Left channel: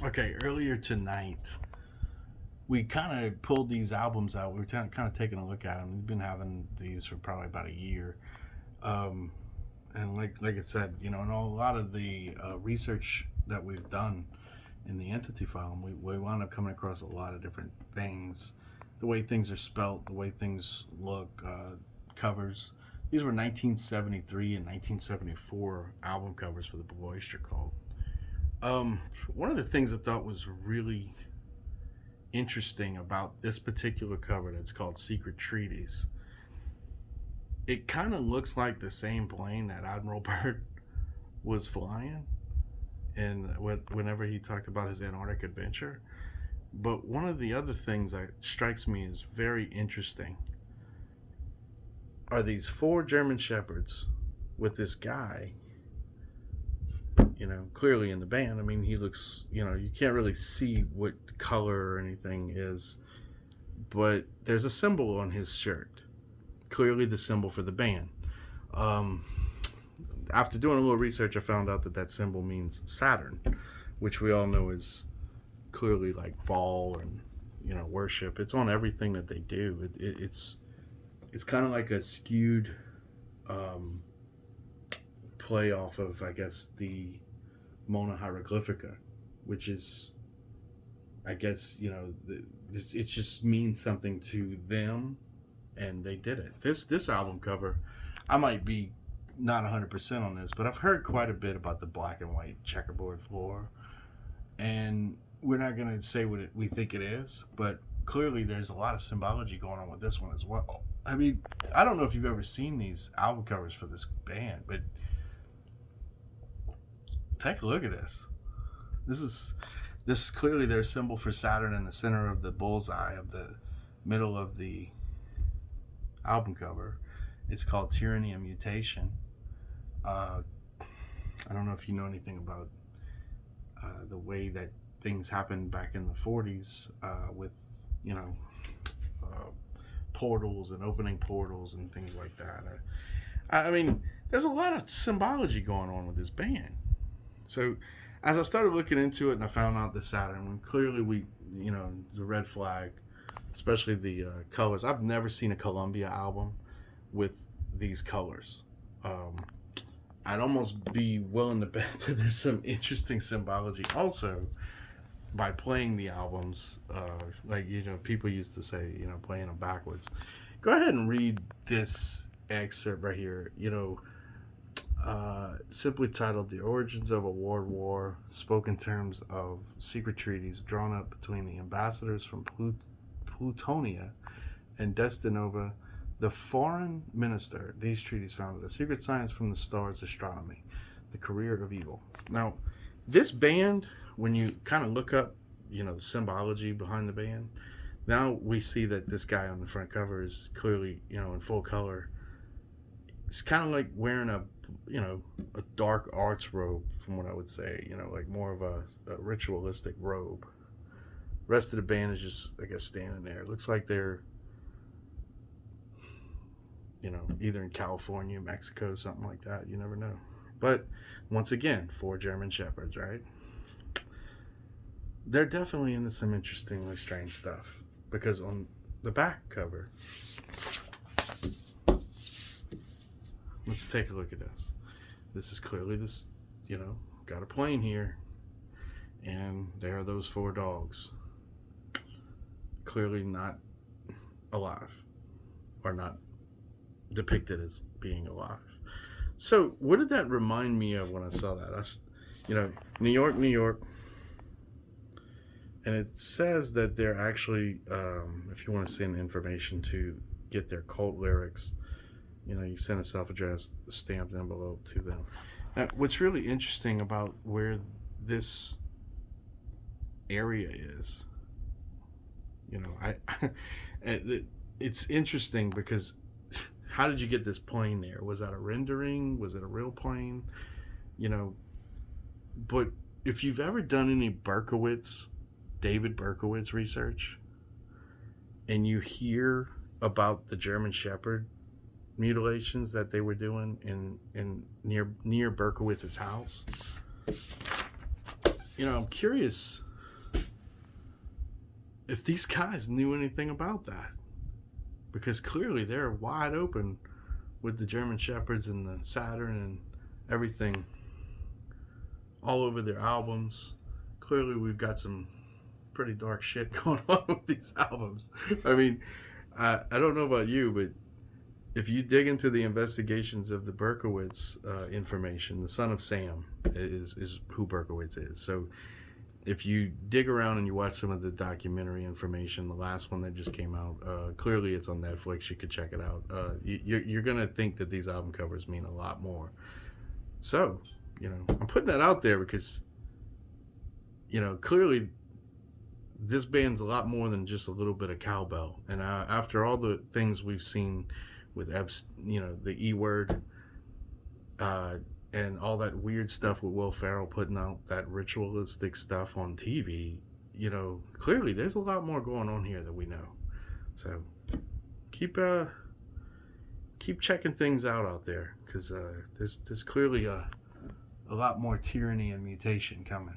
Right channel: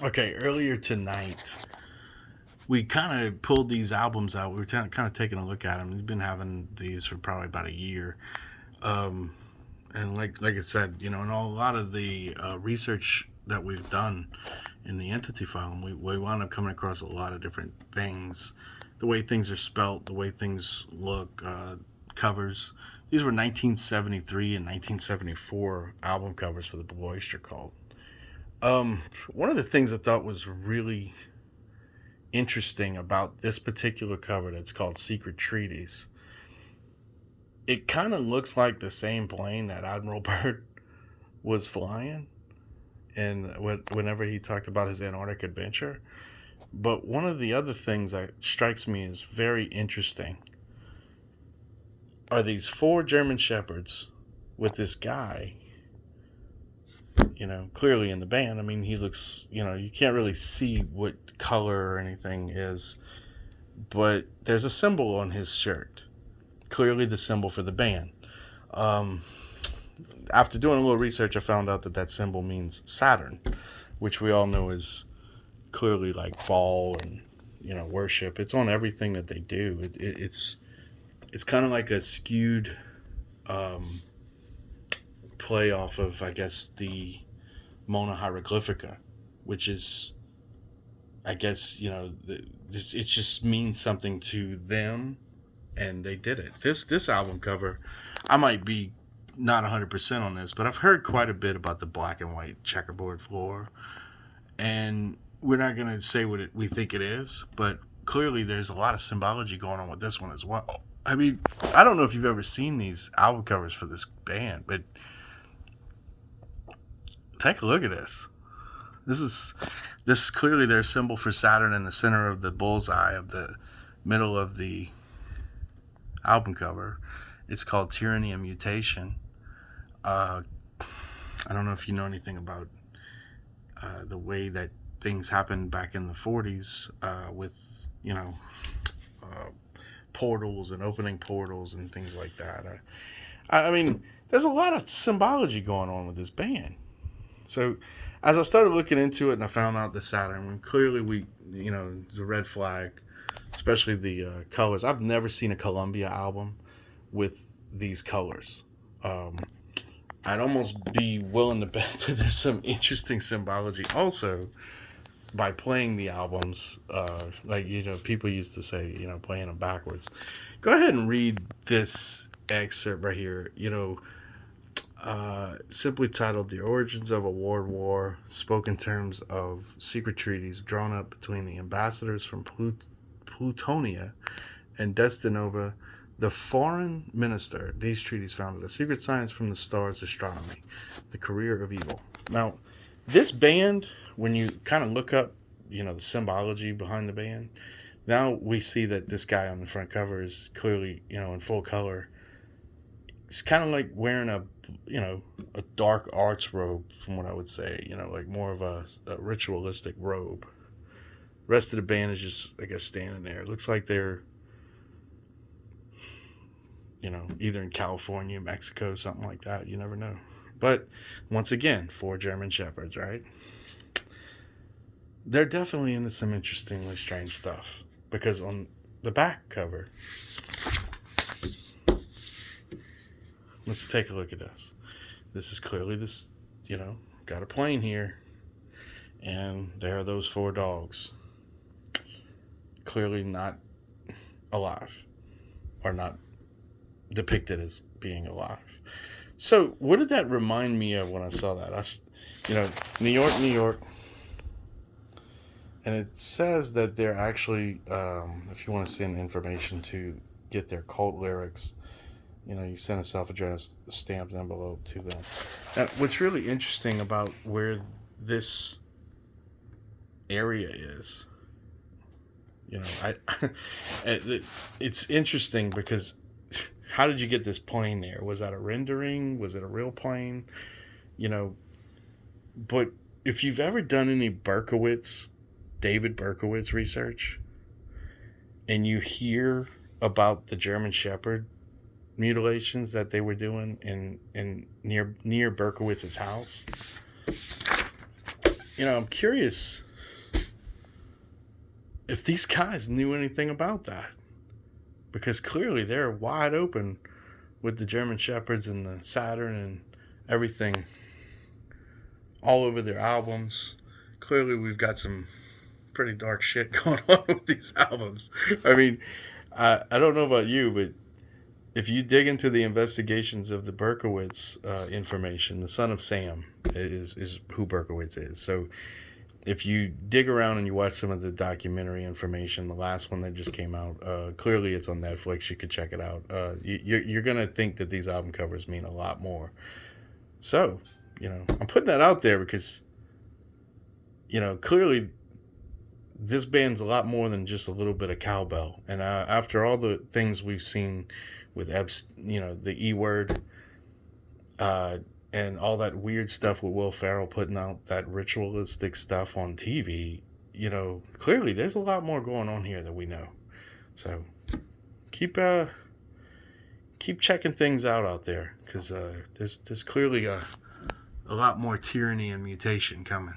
Okay, earlier tonight, we kind of pulled these albums out. We were kind of taking a look at them. We've been having these for probably about a year. Um, and like I said, in a lot of the research that we've done in the entity file, we wound up coming across a lot of different things. The way things are spelt, the way things look, covers. These were 1973 and 1974 album covers for the Blue Oyster Cult. One of the things I thought was really interesting about this particular cover that's called Secret Treaties, it kind of looks like the same plane that Admiral Byrd was flying and whenever he talked about his Antarctic adventure. But one of the other things that strikes me as very interesting are these four German shepherds with this guy, clearly in the band. I mean, he looks, you can't really see what color or anything is, but there's a symbol on his shirt, clearly the symbol for the band. Um, After doing a little research, I found out that that symbol means Saturn, which we all know is clearly like Baal and worship. It's on everything that they do. It's kind of like a skewed um, play off of, I guess, the Mona Hieroglyphica, which is, I guess, it just means something to them, and they did it. This album cover, I might be not 100% on this, but I've heard quite a bit about the black and white checkerboard floor, and we're not going to say what we think it is, but clearly there's a lot of symbology going on with this one as well. I mean, I don't know if you've ever seen these album covers for this band, but take a look at this. This is this is clearly their symbol for Saturn in the center of the bullseye of the middle of the album cover. It's called Tyranny and Mutation. Uh, I don't know if you know anything about the way that things happened back in the 40s with, you know, uh, portals and opening portals and things like that. I mean, there's a lot of symbology going on with this band. So, as I started looking into it and I found out the Saturn, clearly the red flag, especially the colors. I've never seen a Columbia album with these colors. Um, I'd almost be willing to bet that there's some interesting symbology also by playing the albums. Like, people used to say, playing them backwards. Go ahead and read this excerpt right here. Simply titled "The Origins of a World War," spoke in terms of secret treaties drawn up between the ambassadors from Plutonia and Destinova, the foreign minister. These treaties founded a secret science from the stars astronomy, the career of evil. Now, this band, when you kind of look up, the symbology behind the band, now we see that this guy on the front cover is clearly, in full color. It's kind of like wearing a dark arts robe, from what I would say, like more of a ritualistic robe. The rest of the band is just, I guess, standing there. It looks like they're, either in California, Mexico, something like that. You never know. But once again, four German shepherds, right? They're definitely into some interestingly strange stuff, because on the back cover, let's take a look at this. This is clearly got a plane here, and there are those four dogs. Clearly not alive, or not depicted as being alive. So, what did that remind me of when I saw that? New York, New York, and it says that they're actually, if you want to send information to get their cult lyrics, you send a self-addressed stamped envelope to them. Now, what's really interesting about where this area is, it's interesting because how did you get this plane there? Was that a rendering? Was it a real plane? You know, but if you've ever done any David Berkowitz research, and you hear about the German Shepherd mutilations that they were doing in near Berkowitz's house, I'm curious if these guys knew anything about that, because clearly they're wide open with the German Shepherds and the Saturn and everything all over their albums. Clearly, we've got some pretty dark shit going on with these albums. I mean, I don't know about you, but if you dig into the investigations of the Berkowitz information, the son of Sam is who Berkowitz is. So if you dig around and you watch some of the documentary information, the last one that just came out, clearly it's on Netflix. You could check it out. You're going to think that these album covers mean a lot more. So, I'm putting that out there because, clearly this band's a lot more than just a little bit of cowbell. And after all the things we've seen with the E word, and all that weird stuff with Will Ferrell putting out that ritualistic stuff on TV, clearly there's a lot more going on here that we know. So keep checking things out there, because there's clearly a lot more tyranny and mutation coming.